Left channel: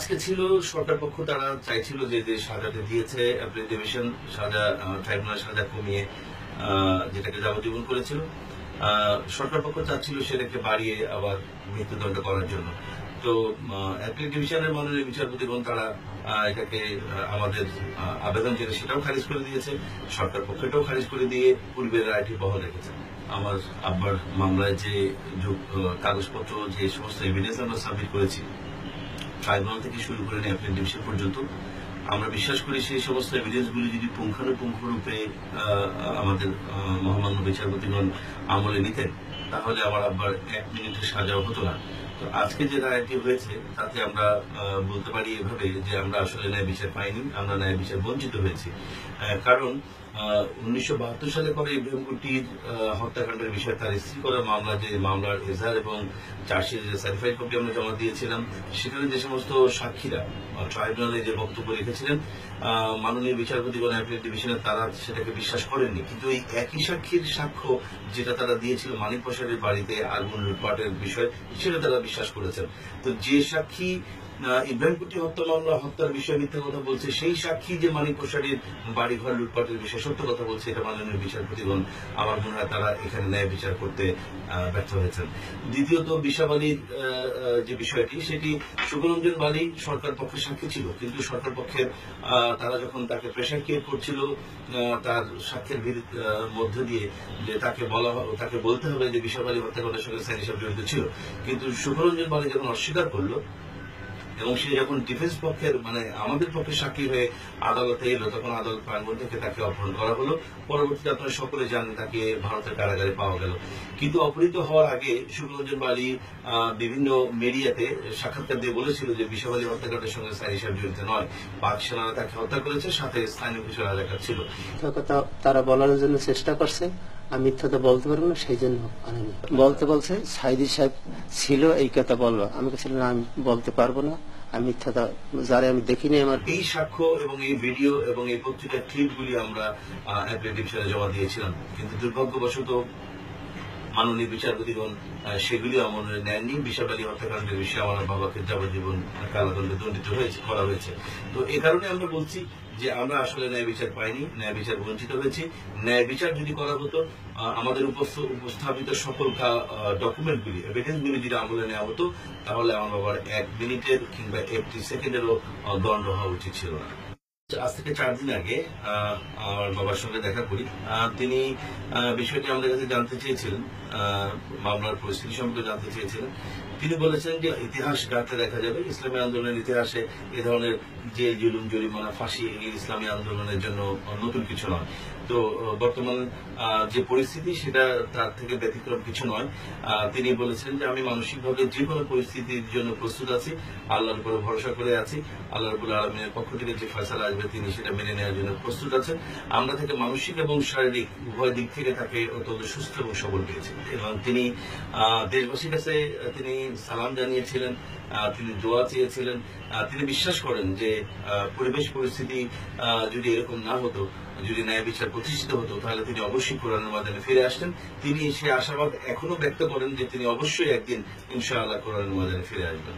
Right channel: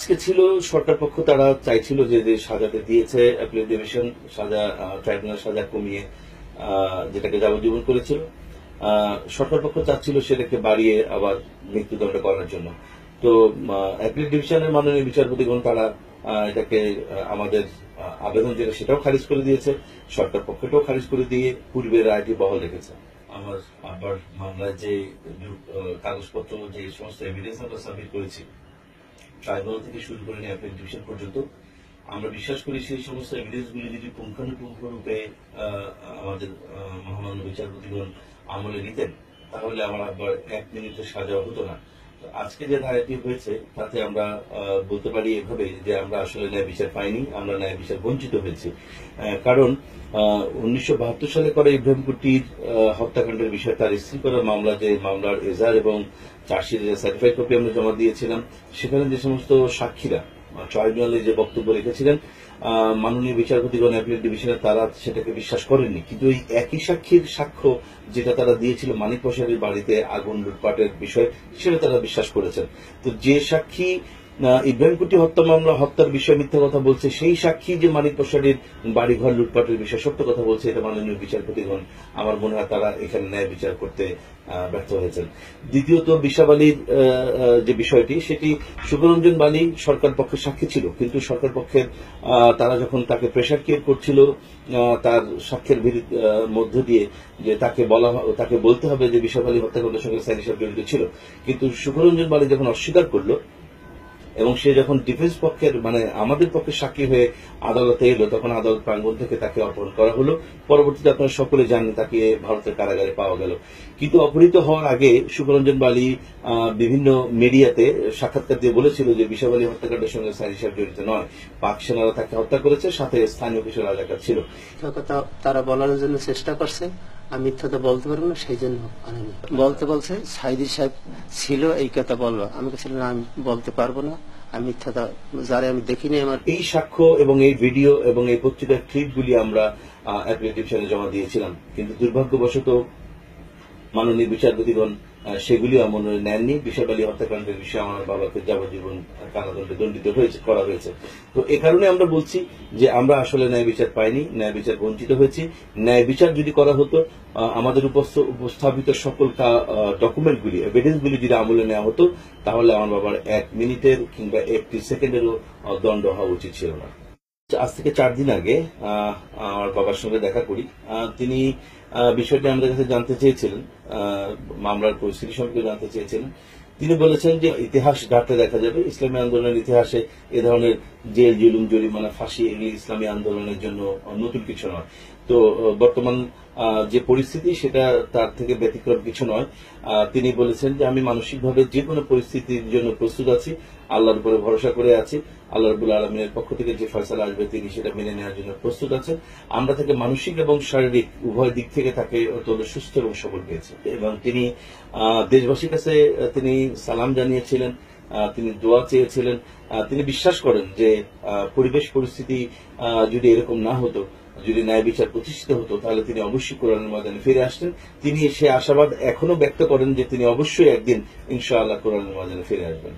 আজকে ছিল, সরকার পক্ষ তারা চাইছিল যে যে সাজাতে দিয়েছে অ্যাপিল ডিভিশন সাজা ট্রাইব্যুনাল সাজা কমিয়ে যেটাকে যাবজ্জীবন করেছিল। সরকার পক্ষ চাচ্ছিল সেটাকে বাড়িয়ে আবার মৃত্যুদণ্ড করার জন্য। তো অ্যাপিল ডিভিশনের মাননীয় বিচারপতিগণ তারা এটাকে আমাদের আবেদন যেটা সেটাও খারিজ করে দিয়েছে। সরকার পক্ষটাও খারিজ করে দিয়ে পূর্বের রায়টি বহাল রেখেছে। আমার আব্বার মামলায় যে কাগজপত্র, যে সমস্ত এভিডেন্স আমরা সাবমিট করেছি ট্রাইব্যুনাল থেকে শুরু করে নিয়ে অ্যাপিল ডিভিশন পর্যন্ত, আমরা বিশ্বাস করি সেই সমস্ত এভিডেন্সগুলি যদি পুঙ্খানুপুঙ্খ রূপে আমাদের মহামান্য বিচারপতিগণ আমলে নিতেন, তাহলে আমার আব্বার এক মিনিটের সাজাও হতো না। তো আজকে যে রায়টি হয়েছে, তাতে আমরা বলতে পারি এভাবে যে আমরা আসলে ন্যায় বিচার পাইনি, আমরা ন্যায় বিচার বঞ্চিত হয়েছি। কারণ উনিশশো বাহাত্তর সালে করা ইব্রাহিম কুটির হত্যাকাণ্ডের বিষয়ে তার স্ত্রী করা মামলা, যে মামলার এজার এবং চার্জশিটের সার্টিফাইড কপি আমরা জমা দিয়েছিলাম, সেখানে যে সমস্ত সাক্ষীরা ট্রাইব্যুনালে যে বক্তব্য রেখেছিলেন মাননীয় বিচারপতিগণ অ্যাপিলেট ডিভিশনে তারা সেটাকে বিশ্বাস করেননি। কিন্তু ওই একই সাক্ষীর সাক্ষ্য যেটা তারা দিয়েছিল মানিক প্রসারের বাড়িতে আগুন লুটপাটের বিষয়, সেটা তারা বিশ্বাস করেছেন। তো যে সাক্ষী ইব্রাহিম কুটি হত্যা মামলা হত্যার বিষয়ে মিথ্যা কথা বলছে সেই সাক্ষী যে মানিক প্রসাদের বাড়িঘর লুটপাটের বিষয়ে সত্য কথা বলছে এটা মাননীয় বিচারপতিগণ আমার মনে হয় তারা এখানে ন্যায় বিচার করতে ব্যর্থ হয়েছেন। দ্বিতীয়ত বিশাব আলীর আহ, আহ, যে বিষয়টি সেটি সুখরঞ্জন বালি সরকার পক্ষের সাক্ষী ছিল কিন্তু সরকার পক্ষের তারা যখন তাকে প্রেশার ক্রিয়েট করছিল তার সাক্ষ্যের মধ্য দিয়ে যে তাকে বলা তাকে বলতে হবে যে বিশাবালি হত্যাকাণ্ডের সঙ্গে সাইনি সাহেব জড়িত ছিল। কিন্তু সুখরঞ্জন বালি যখন অস্বীকার করল এবং সে যখন ডিফেন্স পক্ষের মানে আমাদের পক্ষে সাক্ষী হয়ে আদালতে এলো, তখন আদালত প্রাঙ্গণ থেকে তাকে অপহরণ করা হলো। পরবর্তীতে আপনারা সকলে জানেন তাকে ভারতের কারাগারে পাওয়া গেল। কিন্তু অপহৃত হওয়ার আগে সুকরঞ্জন বালি বিভিন্ন মিডিয়াতে সাক্ষাৎকার দিয়ে বলেছিল যে বিশাব আলী হত্যাকাণ্ডের সঙ্গে সাইনি সাহেব জড়িত নয়। পাক সেনারা তাকে হত্যা করেছে, সাথে স্থানীয় কিছু রাজাকার ছিল। তারা বলার জন্য চেষ্টা করছে। আমি মিথ্যাটা বলতে পারব না সেই জন্য বলতে বলছে সাইদি সাহেব ছিল, এই কথা বলব আমি না, আমি বলতে পারব না। আমি মিথ্যাটা যারা আমি দেখিনি আমার। এই সাক্ষ্য এবং এই ভিডিও এবং এই পত্রিকার ক্লিপগুলি আমরা অ্যাপিলেট জমা দিয়েছিলাম। কিন্তু দুর্ভাগ্যবশত মাননীয় বিচারপতিগণ আহ, সেগুলিও আমলে নেননি। বিশাল আলী হত্যাকাণ্ডের বিষয়ে আমার বাবাকে যাবজ্জীবন কারাদণ্ডে দণ্ডিত হয়েছে করা হয়েছে। তো এ কারণে আমরা বলছি যে আমরা আসলে ন্যায় বিচার পাইনি ন্যায় বিচার বঞ্চিত হয়েছি। ন্যায় বিচার যদি করা হতো আমাদের উপস্থ- উপস্থাপিত সকল ডকুমেন্টগুলি এভিডেন্সগুলি যদি আমলে নেওয়া হতো তাহলে আমার বাবার এক মিনিটের কিংবা একটি সেকেন্ডেরও দণ্ড হওয়া উচিত ছিল না। আজ থেকে চার দিন আগে আমার বাবার সঙ্গে দেখা করি। তিনি বিষয়টি আমাদের কাছে জানতে চেয়েছিলেন মামলার পরিস্থিতি সম্পর্কে জানতে চেয়েছিলেন। তিনি বলেছেন যে ইতিহাস ঘাটতে দেখা যাবে। ইসলামী আন্দোলনের ইতিহাসে এ ধরনের জেল, জুলুম, জরিমানা, ফাঁসি এগুলি ইসলামী আন্দোলনের জন্য নতুন কিছু নয়। তো বর্তমান যে পরিস্থিতি সেটা তার থেকে ব্যতিক্রম কিছু নয়। তিনি বলেছেন যে আমি মানসিকভাবে যে কোনো পরিস্থিতির জন্য প্রস্তুত আছি, আল্লাহর উপরে ভরসা করে আছি, আল্লাহ রবুল আলমিনের পক্ষ থেকে যে ফয়সালা আসবে তিনি সেটা মেনে নেওয়ার জন্য প্রস্তুত আছেন। আমরা তাকে মানসিক এবং শারীরিক উভয় দিক থেকে তাকে অত্যন্ত সুস্থ এবং সবল পেয়েছি। এবং তিনি দেশবাসীর কাছে তিনি সালাম জানিয়েছিলেন তিনি দোয়া চেয়েছিলেন। তিনি বিশ্বাস করেন যে পরিবেশ পরিস্থিতি যদি এরকম না হতো, যদি ন্যায় বিচার প্রতিষ্ঠিত হতো, তাহলে তিনি অবশ্যই কোরআনের ময়দানে ফিরে আসতেন। তিনি সে আশাবাদ এখনও ব্যক্ত করেন যে তিনি অবশ্যই একদিন ইনশাআল্লাহ কোরআনের ময়দানে ফিরে আসবেন।